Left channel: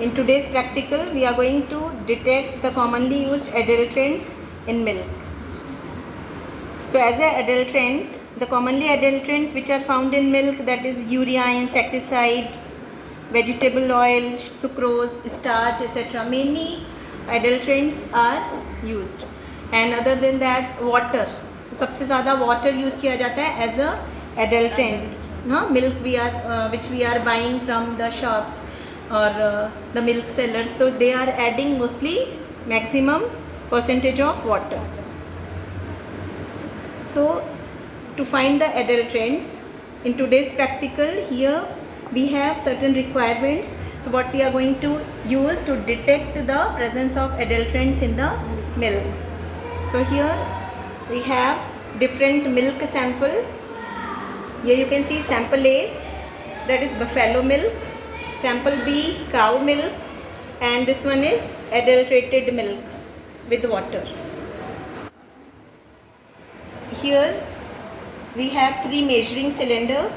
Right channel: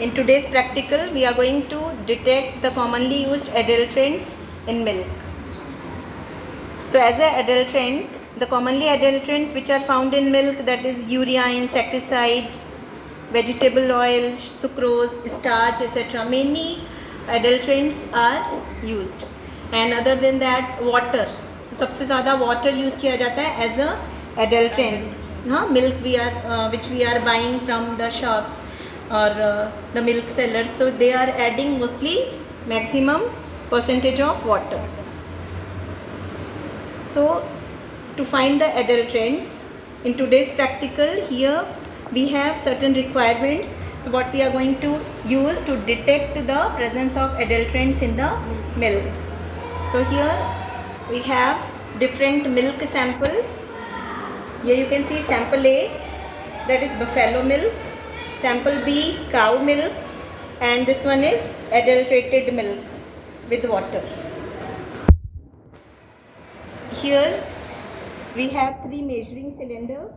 In today's practical, we are going to detect the commonly used adulterants in milk. So as an adulterant, the commonly adulterants which are found in milk, that is urea, insecticide, vegetable oil, sucrose, starch, etc. Many adulterants are used. And other than that, water. सबसे ज़्यादा water use किया जाता है as a adulterant. Milk which we are buying from the shops or the milk sellers, so they are adding mostly maximum percentage of water. So to find the adulterants in today's practical, here we have certain requirements. So what we are going to use to detect the presence of adulterants in the milk. So here we have different milk sample. Here you can see sample A, that is buffalo milk, sample B, cow milk, and this one is adulterated milk with water. Here we have 3 measuring cylinder.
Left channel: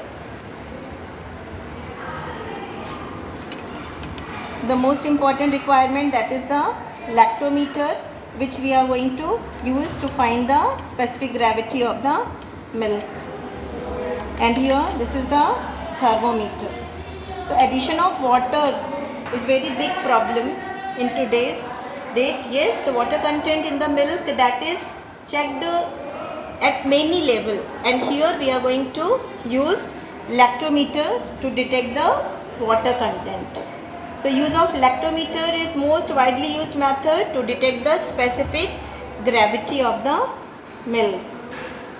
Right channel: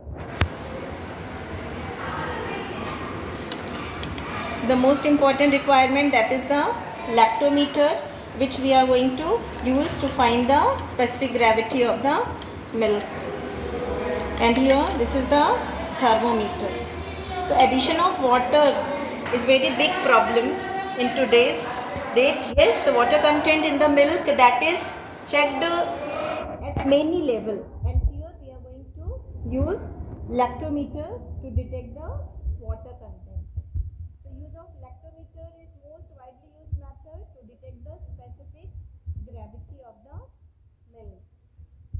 The most important requirement, that is the lactometer, which we are going to use to find the specific gravity of the milk. And here this is the thermometer. So addition of water is very big problem in today's date. Yes, water content in the milk, that is checked at many level, and here we are going to use lactometer to detect the water content. So use of lactometer is most widely used method to detect the specific gravity of the milk.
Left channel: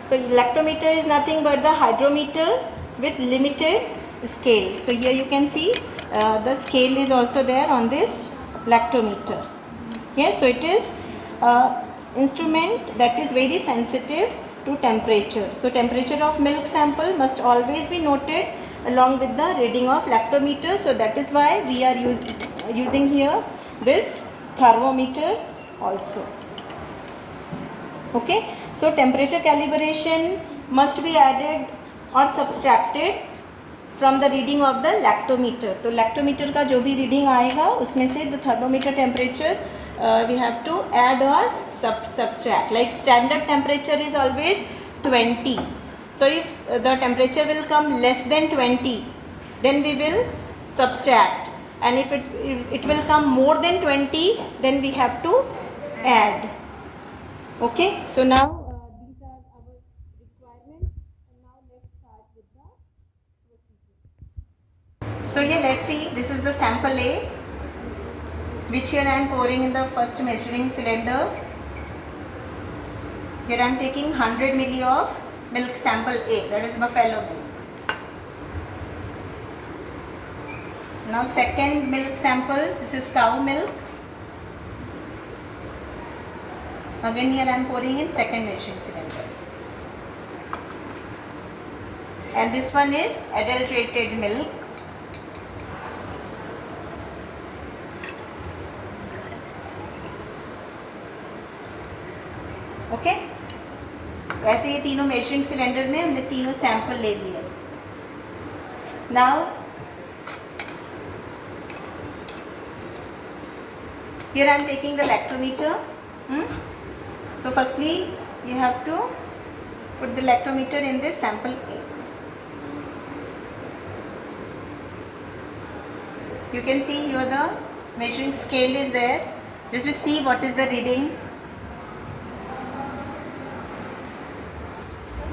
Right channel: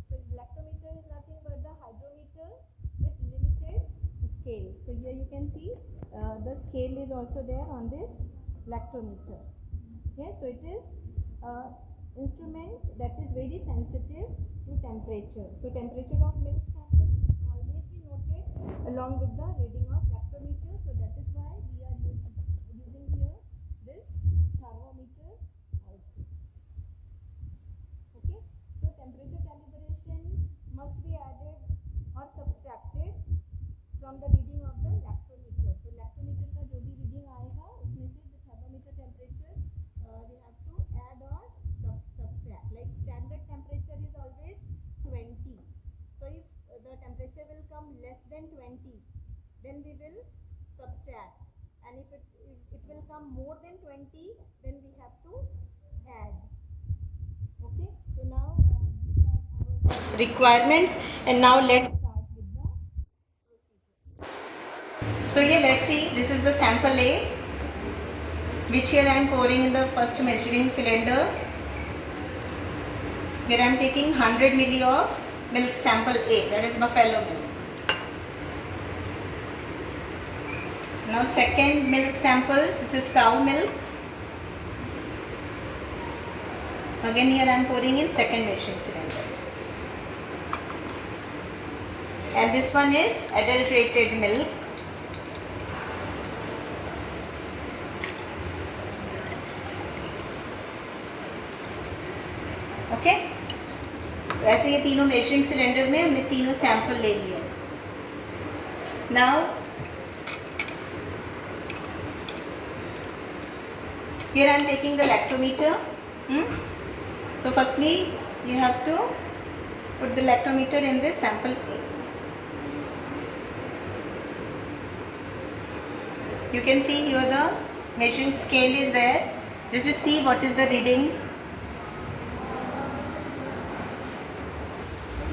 So lactometer is nothing but the hydrometer with limited scale. So here you can see the scale is also there on this lactometer. Yes, so it is instrument that is very sensitive to temperature. So temperature of milk sample must always be noted along with the reading of lactometer. So that is why we are using here this thermometer also. Okay, so temperature calibration must be added or subtracted from the reading of the lactometer. तो lactometer का जो भी reading आएगा उसमें से the thermometer temperature we have to add or subtract. Like standard temperature is always 20. So if the temperature will come less than 20, then we will subtract, and if it will come more than 20, then we have to add. Okay, so now these are our requirements, and now let's start with the procedure. So here let's see, this is the sample A, which here I am pouring in the first measuring cylinder. Here I am taking 100 ml of milk sample A, that is buffalo milk. Now second milk sample, this is cow milk. Again here I am pouring in second measuring cylinder. And this one is adulterated milk. Okay, तो ऐसे ये तीनों measuring cylinder में हमने तीनों sample ले लिए. Now here I am taking the lactometer. So firstly you have to put the lactometer in this sample A. You can see here the measuring scale is there. Just to see what is the reading.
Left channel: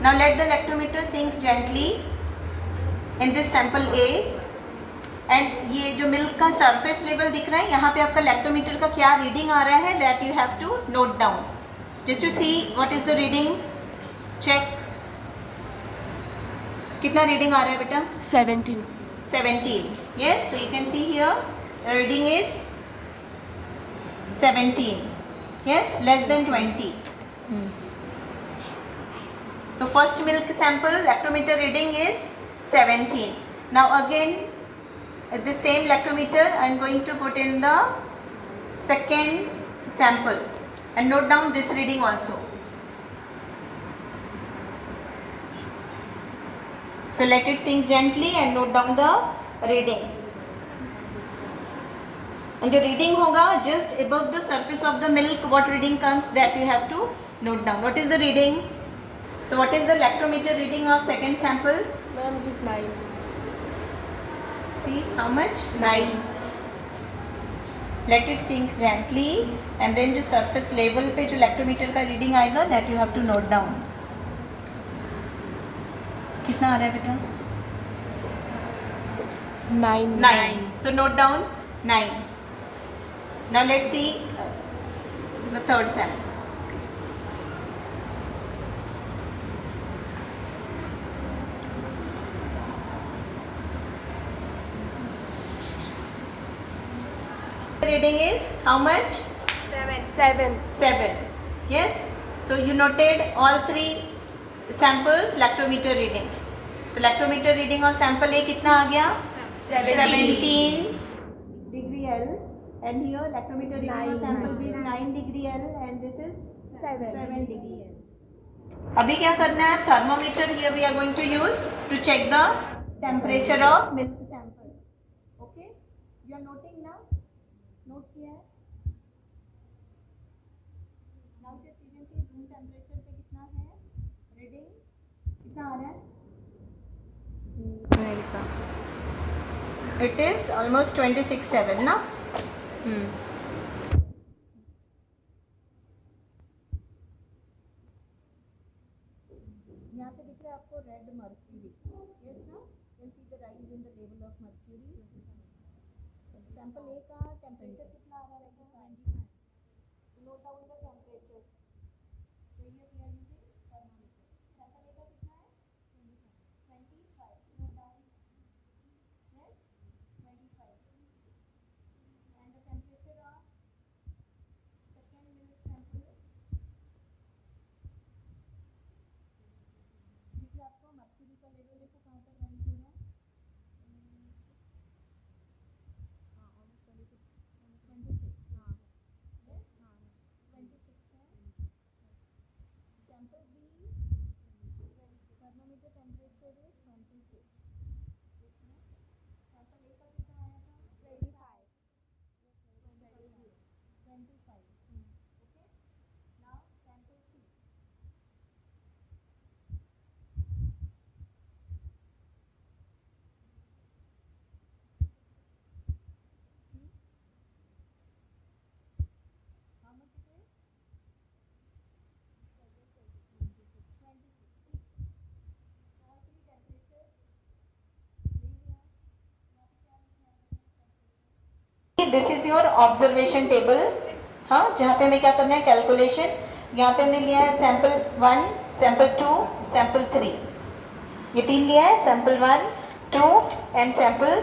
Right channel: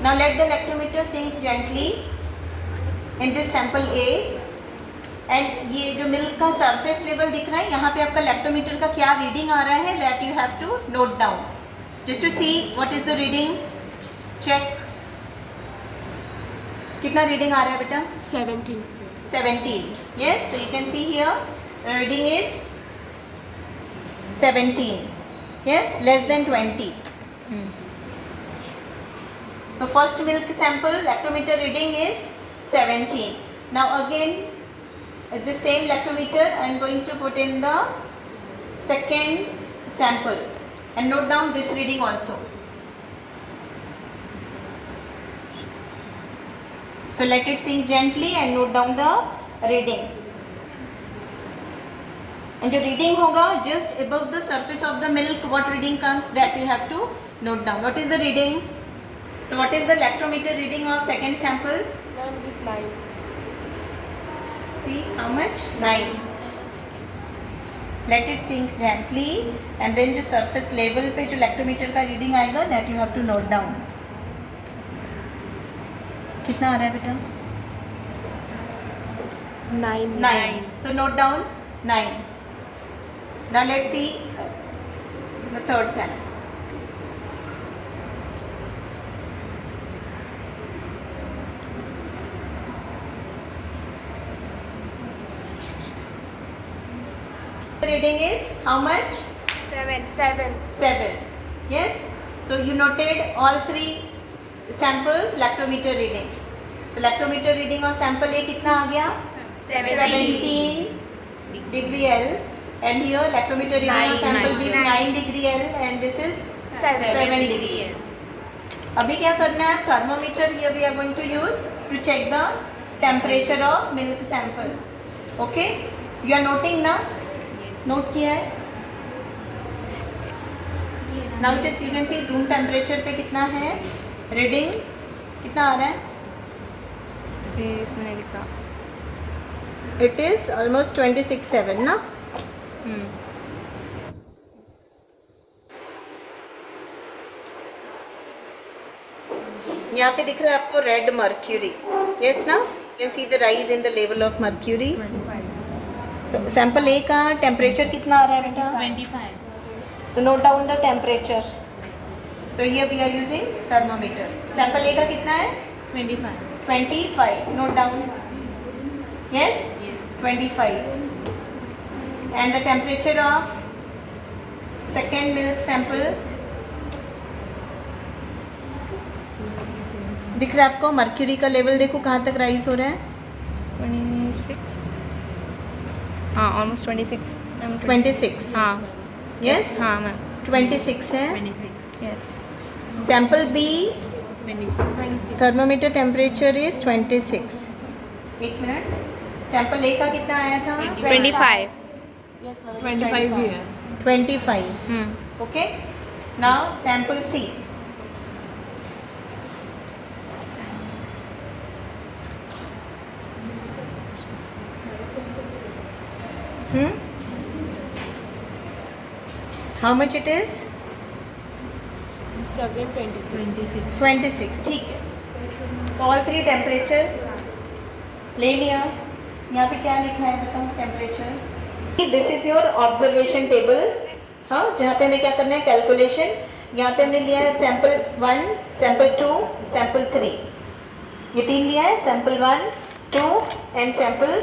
Now let the lactometer sink gently in this sample A, and ये जो milk का surface level दिख रहा है, यहाँ पे आपका lactometer का क्या रीडिंग आ रहा है, that you have to note down just to see what is the reading. Check कितना रीडिंग आ रहा है बेटा? 17. Yes, so you can see here the reading is 17. Yes, less than 20. So first milk sample lactometer reading is 17. Now again at the same lactometer I am going to put in the second sample and note down this reading also. So let it sink gently and note down the reading. And जो reading होगा just above the surface of the milk, what reading comes, that you have to note down. What is the reading? So what is the lactometer reading of second sample? Ma'am, it is 9. See how much? 9. Let it sink gently and then जो surface level पे जो lactometer का reading आएगा that you have to note down. कितना आ रहा है बेटा? 9. 9. So note down 9. Now let's see the third sample. Reading is how much? 7. 7. Yes. So you noted all three samples lactometer reading. तो lactometer reading of sample A कितना आ गया? 17 degree L. And here lactometer reading of sample B is 9 degree L and this is 7 degree L. अभी क्या करना है? Thermometer here we are going to use to check the temperature of milk sample. Okay? You are noting ना? Note किया है? Now it is you can see room temperature पे कितना है? Reading कितना आ रहा है? इसमें नहीं दिख रहा. It is almost 26.7 ना? यहाँ पे दिख रहा है आपको रेड मर्क्यूरी. यस ना? You can see the rise in the level of mercury. तो सैंपल ए का टेम्परेचर कितना आ रहा है बेटा? 25. तो note down the temperature. So here we are using thermometer. Sample A का कितना है? 25. 25. Note down. Yes? 25. And the temperature of second milk sample दिख रहा है आपको? मर्क्यूरी का लेवल देखो कहाँ तक राइज हो रहा है? 26. हाँ, ऑलमोस्ट 26. 26. हाँ. यस? हाँ मैम. 26 है. 26. Yes. Sample B 26. Thermometer temperature is 26. एक मिनट. सैंपल ए का कितना आया था? 25. Yes, 25 भी है. 25. Okay. Now sample C. How much it is? It's again 26. 26. ठीक है. So all three temperature ले लिया. यहाँ पे क्या लिखा है बताओ? Temperature. This is your observation table. हाँ, जहाँ पे हमें क्या करना है? कैलकुलेशन. यहाँ पे हमने लिया है सैंपल 1, सैंपल 2, सैंपल 3. ये 3 लिया है. सैंपल 1, 2 एंड सैंपल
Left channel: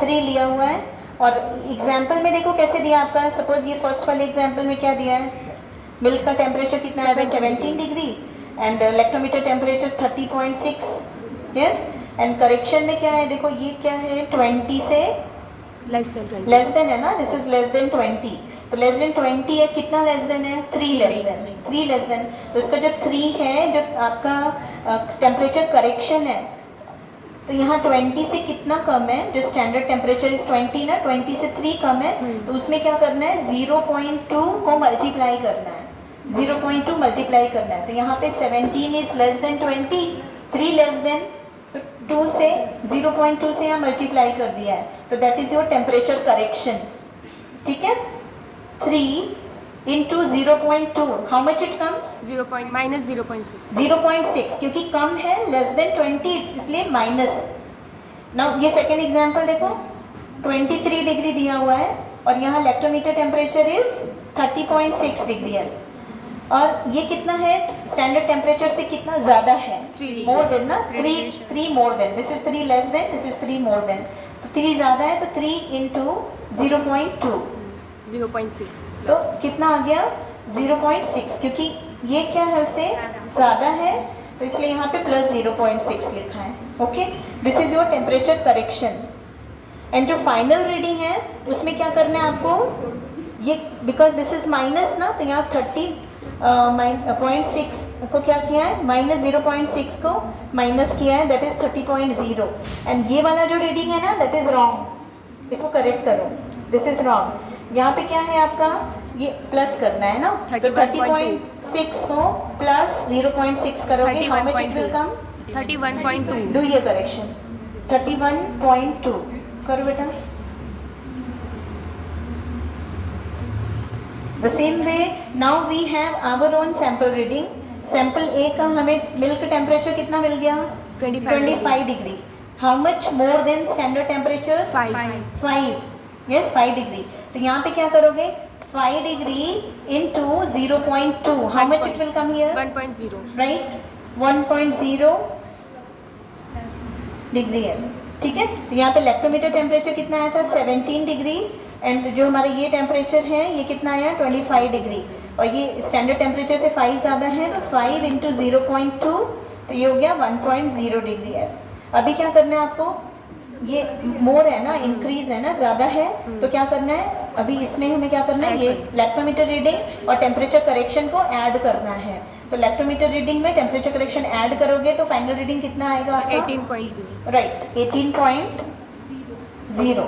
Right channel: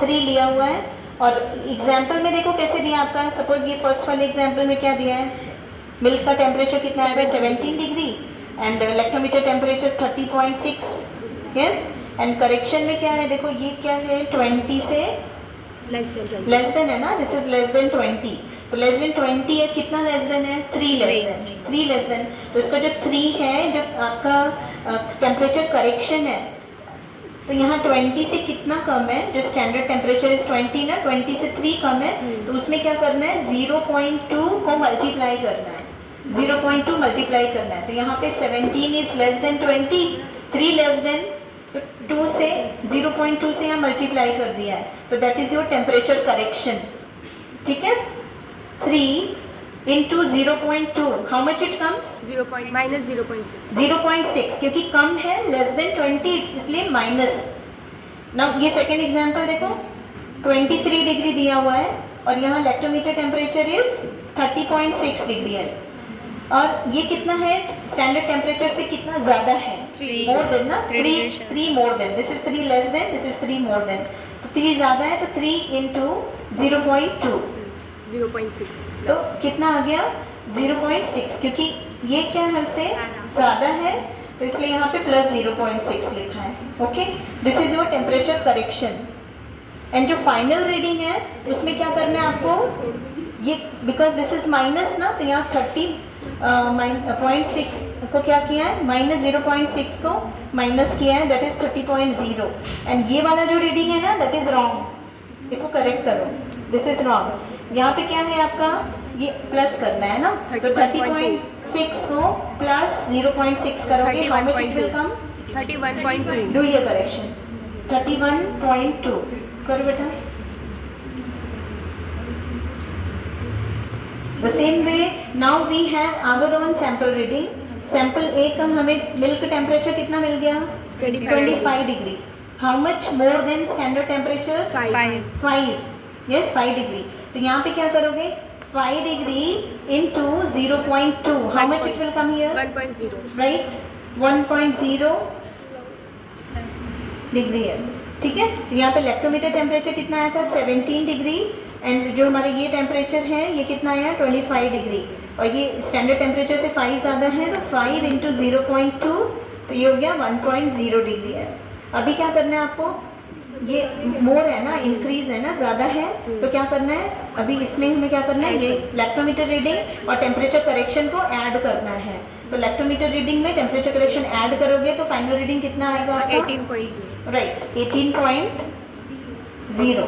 3 लिया हुआ है. और एग्जाम्पल में देखो कैसे दिया आपका. सपोज ये फर्स्ट वाले एग्जाम्पल में क्या दिया है? मिल्क का टेम्परेचर कितना है? 17 degree and lactometer temperature 30.6. Yes. And correction में क्या है? देखो ये क्या है? 20 से Less than 20. लेस देन है ना. This is less than 20. तो लेस देन 20 है. कितना लेस देन है? 3 लेस देन. 3 less than. तो इसका जो 3 है, जो आपका टेम्परेचर करेक्शन है, तो यहाँ 20 से कितना कम है? जो स्टैंडर्ड टेम्परेचर इज 20 ना, 20 से 3 कम है. तो उसमें क्या करना है? 0.2 को मल्टीप्लाई करना है. 0.2 मल्टीप्लाई करना है. तो यहाँ पे 17 is less than 20, 3 less than. तो 2 से 0.2 से यहाँ मल्टीप्लाई कर दिया है. तो that is your temperature correction. ठीक है. 3 into 0.2 how much it comes? minus 0.6. 0.6. क्योंकि कम है, लेस देन 20, इसलिए माइनस. नाउ ये सेकेंड एग्जाम्पल देखो. 23 डिग्री दिया हुआ है और यहाँ लैक्टोमीटर टेम्परेचर इज 30.6 डिग्री है. और ये कितना है? स्टैंडर्ड टेम्परेचर से कितना ज़्यादा है? 3. मोर देन ना. 3 more than. This is 3 less than, this is 3 more than. तो 3 ज़्यादा है, तो 3 इंटू 0.2. 0.6. तो कितना आ गया? 0.6. क्योंकि ये क्या है? उससे ज़्यादा है, तो इसलिए यहाँ पे प्लस 0.6 लिखा है. Okay. This is your temperature correction. And जो फाइनल रीडिंग है उसमें क्या करना है आपको? ये बिकॉज दिस इज माइनस ना, तो यहाँ 30.6 को क्या किया है? माइनस 0.6 को माइनस किया है. That is 30.0. एंड ये वाला जो रीडिंग है ना, दैट इज रॉन्ग. इसको करेक्ट करो. This is wrong. यहाँ पे क्या है आपका, ये प्लस करना है ना, तो 30.6 को प्लस 0.6 करोगे, how much it will come, 31.2. Do ये करेक्शन, 31.2 करो बेटा। The same way now we have our own sample reading. Sample A का हमें मिल्क टेम्परेचर कितना मिल गया, 25 degree. How much more than standard temperature, 5, yes 5 degree. तो यहाँ पे क्या करोगे, 5 degree into 0.2, how much it will come here, 1.0. Right, 1.0 degree है, ठीक है। तो यहाँ पे लैक्टोमीटर टेम्परेचर कितना आया था, 17 डिग्री, एंड जो हमारे ये टेम्परेचर है ये कितना आया, 25 डिग्री, और ये स्टैंडर्ड टेम्परेचर से 5 ज़्यादा है, तो 5 इंटू 0.2, तो ये हो गया 1.0 डिग्री है। अभी क्या करना है आपको, ये मोर है ना, इंक्रीज है ना, ज़्यादा है, तो क्या करना है, अभी इसमें हमें क्या करना है, ये लैक्टोमीटर रीडिंग और टेम्परेचर करेक्शन को ऐड करना है। तो लैक्टोमीटर रीडिंग में टेम्परेचर करेक्शन ऐड करोगे तो फाइनल रीडिंग कितना आएगा आपका, 18.0. राइट, 18.0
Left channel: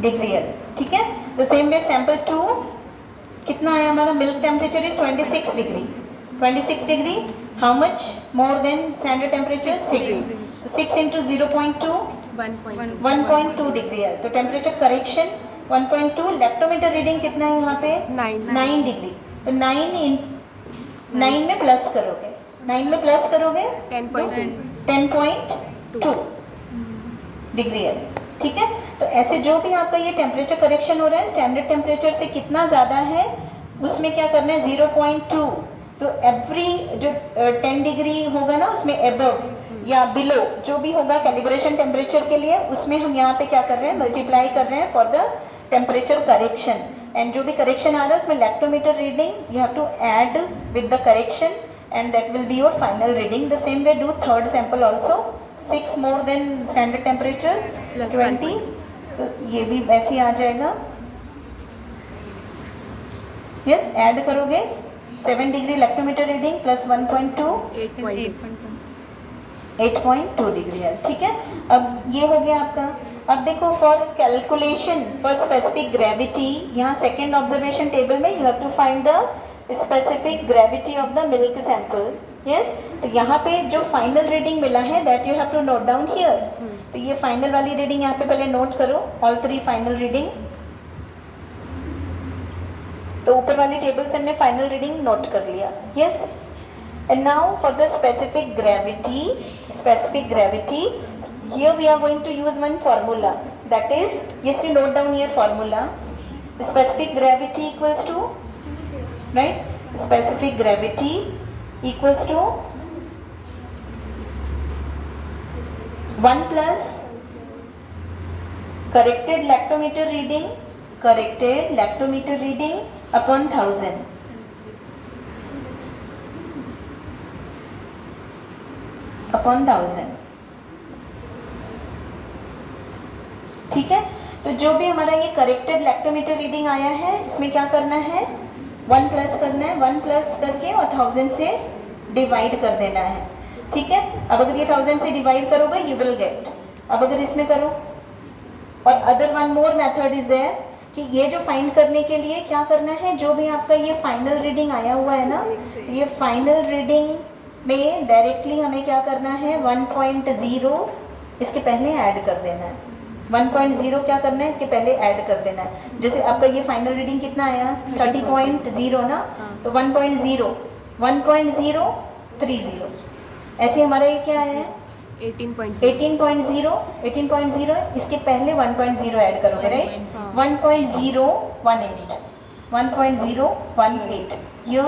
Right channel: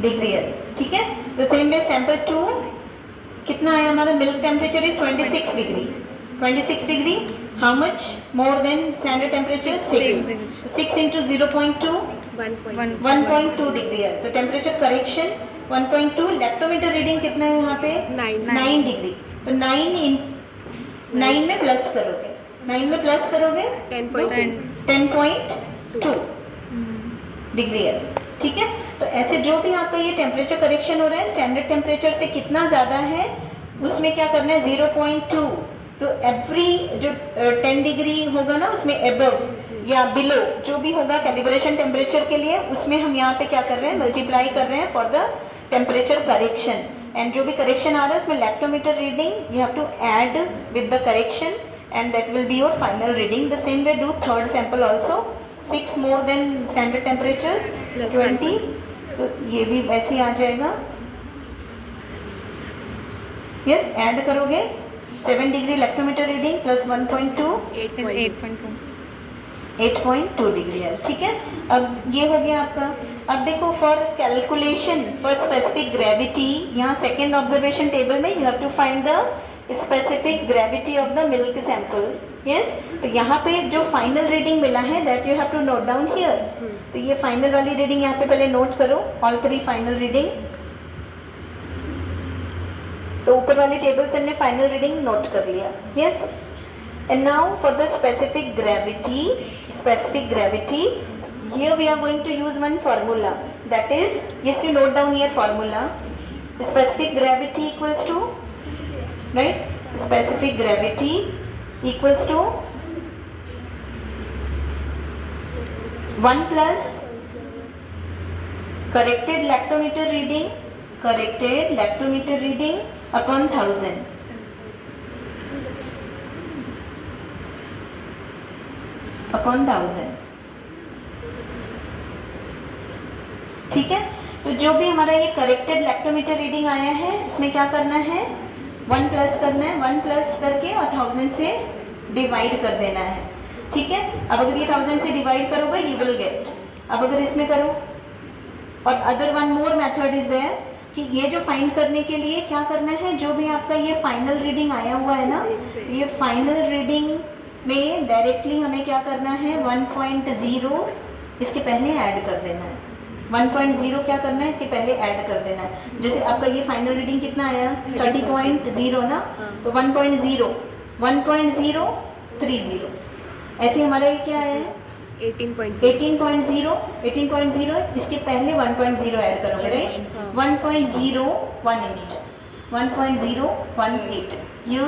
डिग्री है, ठीक है। तो सेम वे सैंपल 2 कितना आया हमारा, milk temperature is 26 degree, 26 degree, how much more than standard temperature, 6 into 0.2, 1.2 degree है। तो टेम्परेचर करेक्शन 1.2, लैक्टोमीटर रीडिंग कितना है यहाँ पे, 9 डिग्री, तो 9 में प्लस करोगे, 9 में प्लस करोगे 10.2 डिग्री है, ठीक है। तो ऐसे जो भी आपका ये टेम्परेचर करेक्शन हो रहा है स्टैंडर्ड टेम्परेचर से कितना ज़्यादा है, उसमें क्या करना है, 0.2, तो एवरी जो 10 डिग्री होगा ना उसमें एबव या बिलो जो भी होगा कैलिब्रेशन टेम्परेचर के लिए, उसमें हम यहाँ पे क्या कर रहे हैं, मल्टीप्लाई कर रहे हैं for the temperature correction, and जो भी करेक्शन आ रहा है उसमें lactometer reading you have to add with the correction and that will be your final reading. The same way do third sample also, 6 more than standard temperature 20, तो ये भी वैसे ही आ जाएगा, यस ऐड करोगे 7 degree lactometer reading plus 1.2, 8.2 degree है, ठीक है। अब ये हो गया आपका। अब देखो for calculation for specific gravity, यहाँ सेकेंड ऑब्जर्वेशन टेबल में you have to find the specific gravity of the milk sample, yes. तो यहाँ पे जो फाइनल रीडिंग मिला है that you have to note down here. तो ये फाइनल वाली रीडिंग यहाँ पे पहले नोट करो, ऑल 3 फाइनल रीडिंग। तो ऊपर वाली टेबल से हमने फाइनल रीडिंग नोट कर लिया, yes. And now for the specific gravity, here we are going to use one formula, that is, yes, you note down here formula, specific gravity equals to, right, specific gravity equals to 1 plus corrected lactometer reading upon 1000, upon 1000, ठीक है। तो जो भी हमारा ये corrected lactometer reading आया है इसमें क्या करना है, 1 प्लस करना है, 1 प्लस करके और 1000 से डिवाइड कर देना है, ठीक है। अब अगर ये 1000 से डिवाइड करोगे यू विल गेट, अब अगर इसमें करो, और other one more method is there कि ये जो फाइंड करने के लिए क्या करना है, जो भी आपका ये फाइनल रीडिंग आया हुआ है ना, तो ये फाइनल रीडिंग में डायरेक्टली हमें क्या करना है, 1.0 इसके पहले ऐड कर देना है, 1.0 क्या करना है, इसके पहले ऐड कर देना है। जैसे आपका ये फाइनल रीडिंग कितना आया, 30.0 ना, तो 1.030, ऐसे हमारा ये क्या है 18.0, इसके पहले 1.0 ऐड करोगे, राइट, 1.018, 1.018, ये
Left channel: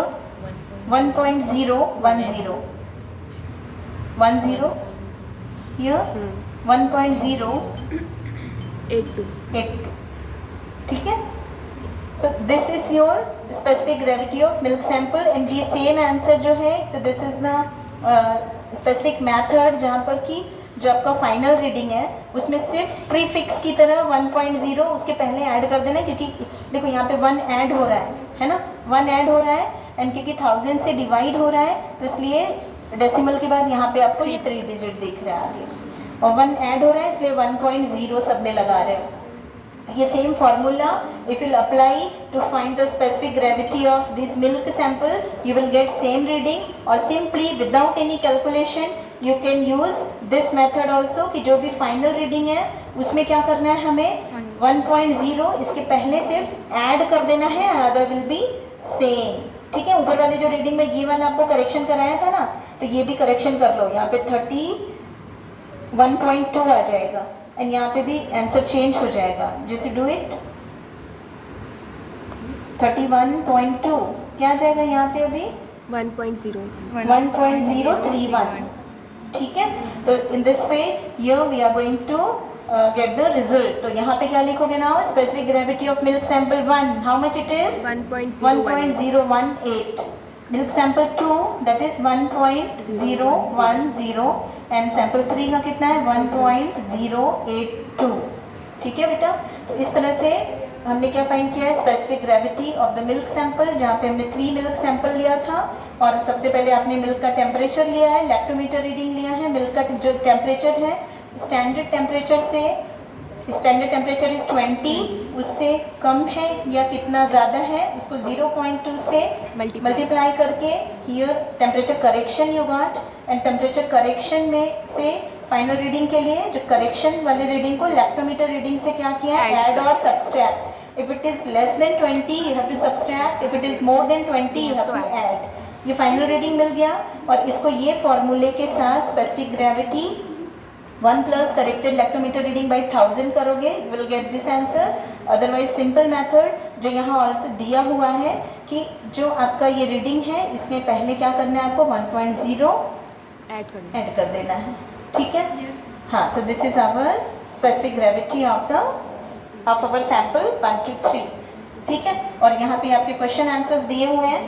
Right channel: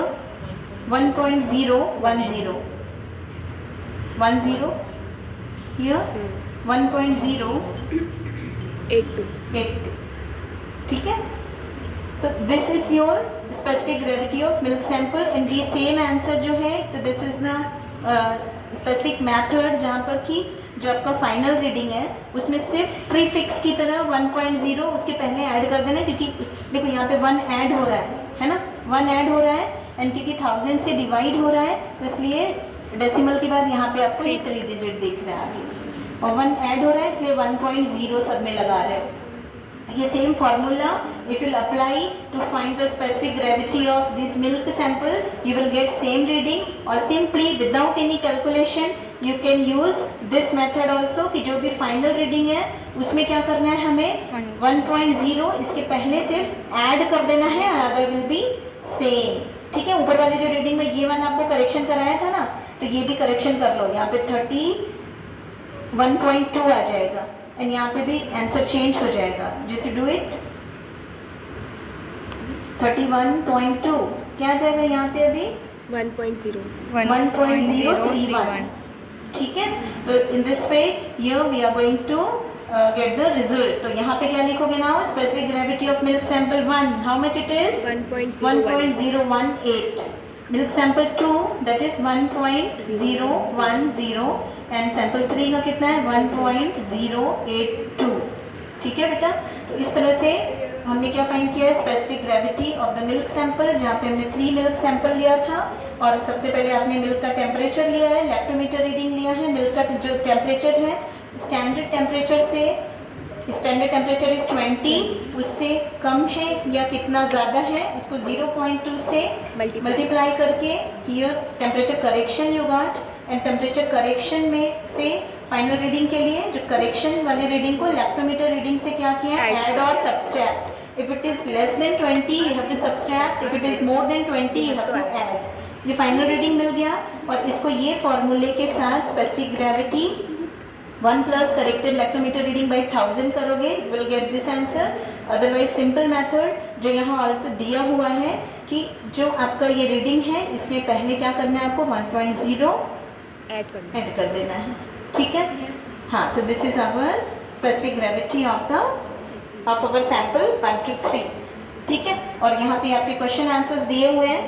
1.010, 10, ये 1.082, ठीक है। So this is your specific gravity of milk sample, and ये सेम आंसर जो है, तो this is the specific method जहाँ पर कि जो आपका फाइनल रीडिंग है उसमें सिर्फ प्रीफिक्स की तरह 1.0 उसके पहले ऐड कर देना, क्योंकि देखो यहाँ पे 1 ऐड हो रहा है ना, 1 ऐड हो रहा है, एंड क्योंकि 1000 से डिवाइड हो रहा है तो इसलिए डेसिमल के बाद यहाँ पे आपको ये 3 डिजिट दिख रहा है आगे, और 1 ऐड हो रहा है इसलिए 1.0 सब में लगा रहे हो, ये same formula if you'll apply to find the specific gravity of this milk sample, you will get same reading, or simply without any calculation you can use this method also कि जो भी final reading है उसमें क्या करना है हमें 1.0 इसके पहले सिर्फ add कर देना है, other will be same. ठीक है, ऊपर वाले जो रीडिंग में ये वाला आपको करेक्शन कराया था ना, तो ये भी करेक्शन कर लो. यहाँ पे 31.2 आ जाएगा एंड यहाँ पे भी आंसर चेंज हो जाएगा. जैसे डू इट 31.2 क्या आ जाएगा यहाँ पे अभी 1.0. 1.031. ठीक है, तो in this way here we are going to get the result. तो यहाँ पे क्या लिखोगे ना, specific gravity of milk sample 1 how much it is 1.018. Milk sample 2 that is 1.010 and sample 3 का कितना है 1.082. ठीक है बेटा, तो इस तरह से हमने क्या फाइंड किया है, specific gravity of the milk sample, जहाँ पे हमने 3 मिल्क सैंपल लिया था. और सबसे पहले आपने मिल्क का टेम्परेचर लिया है, लैक्टोमीटर रीडिंग लिया है. मिल्क का जो टेम्परेचर है स्टैंडर्ड टेम्परेचर से, स्टैंडर्ड टेम्परेचर इज 20, उससे कम है या कितना ज़्यादा है उसको 0.2 से मल्टीप्लाई करके here temperature correction you got. And temperature correction में से फाइनल रीडिंग के लिए जो करेक्शन वाले रीडिंग को लैक्टोमीटर रीडिंग से क्या किया, ऐड और subtract. If it is less than 20 you have to subtract, if it is more than 20 you have to add. ये फाइनल रीडिंग मिल गया और इसको ये फॉर्मूले के साथ specific gravity 1 plus corrected lactometer reading by 1000 करोगे, you will get this answer. Otherwise simple method जो यहाँ ऑल्सो दिया हुआ है कि जो आपका ये रीडिंग है इसमें पहले क्या करना है आपको 1.0 ऐड कर देना है. ठीक है, हाँ, तो this is our specific gravity of our sample 1 to 3. ठीक है, और यहाँ पे आपके क्वेश्चन आंसर्स दिए हुए हैं,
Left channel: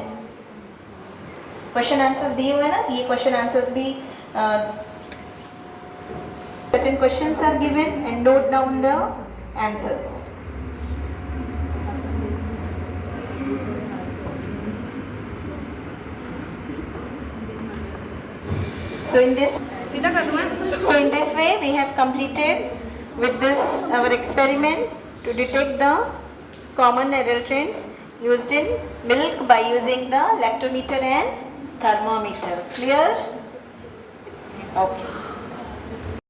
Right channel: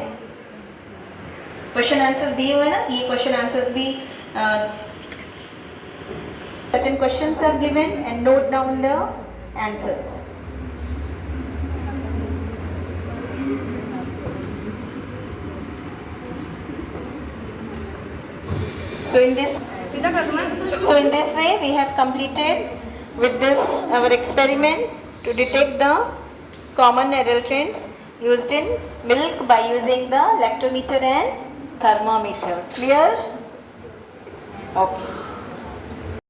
क्वेश्चन आंसर्स दिए हुए हैं ना, तो ये क्वेश्चन आंसर्स भी certain questions are given and note down the answers. So in this way we have completed with this our experiment to detect the common adulterants used in milk by using the lactometer and thermometer. Clear? Okay.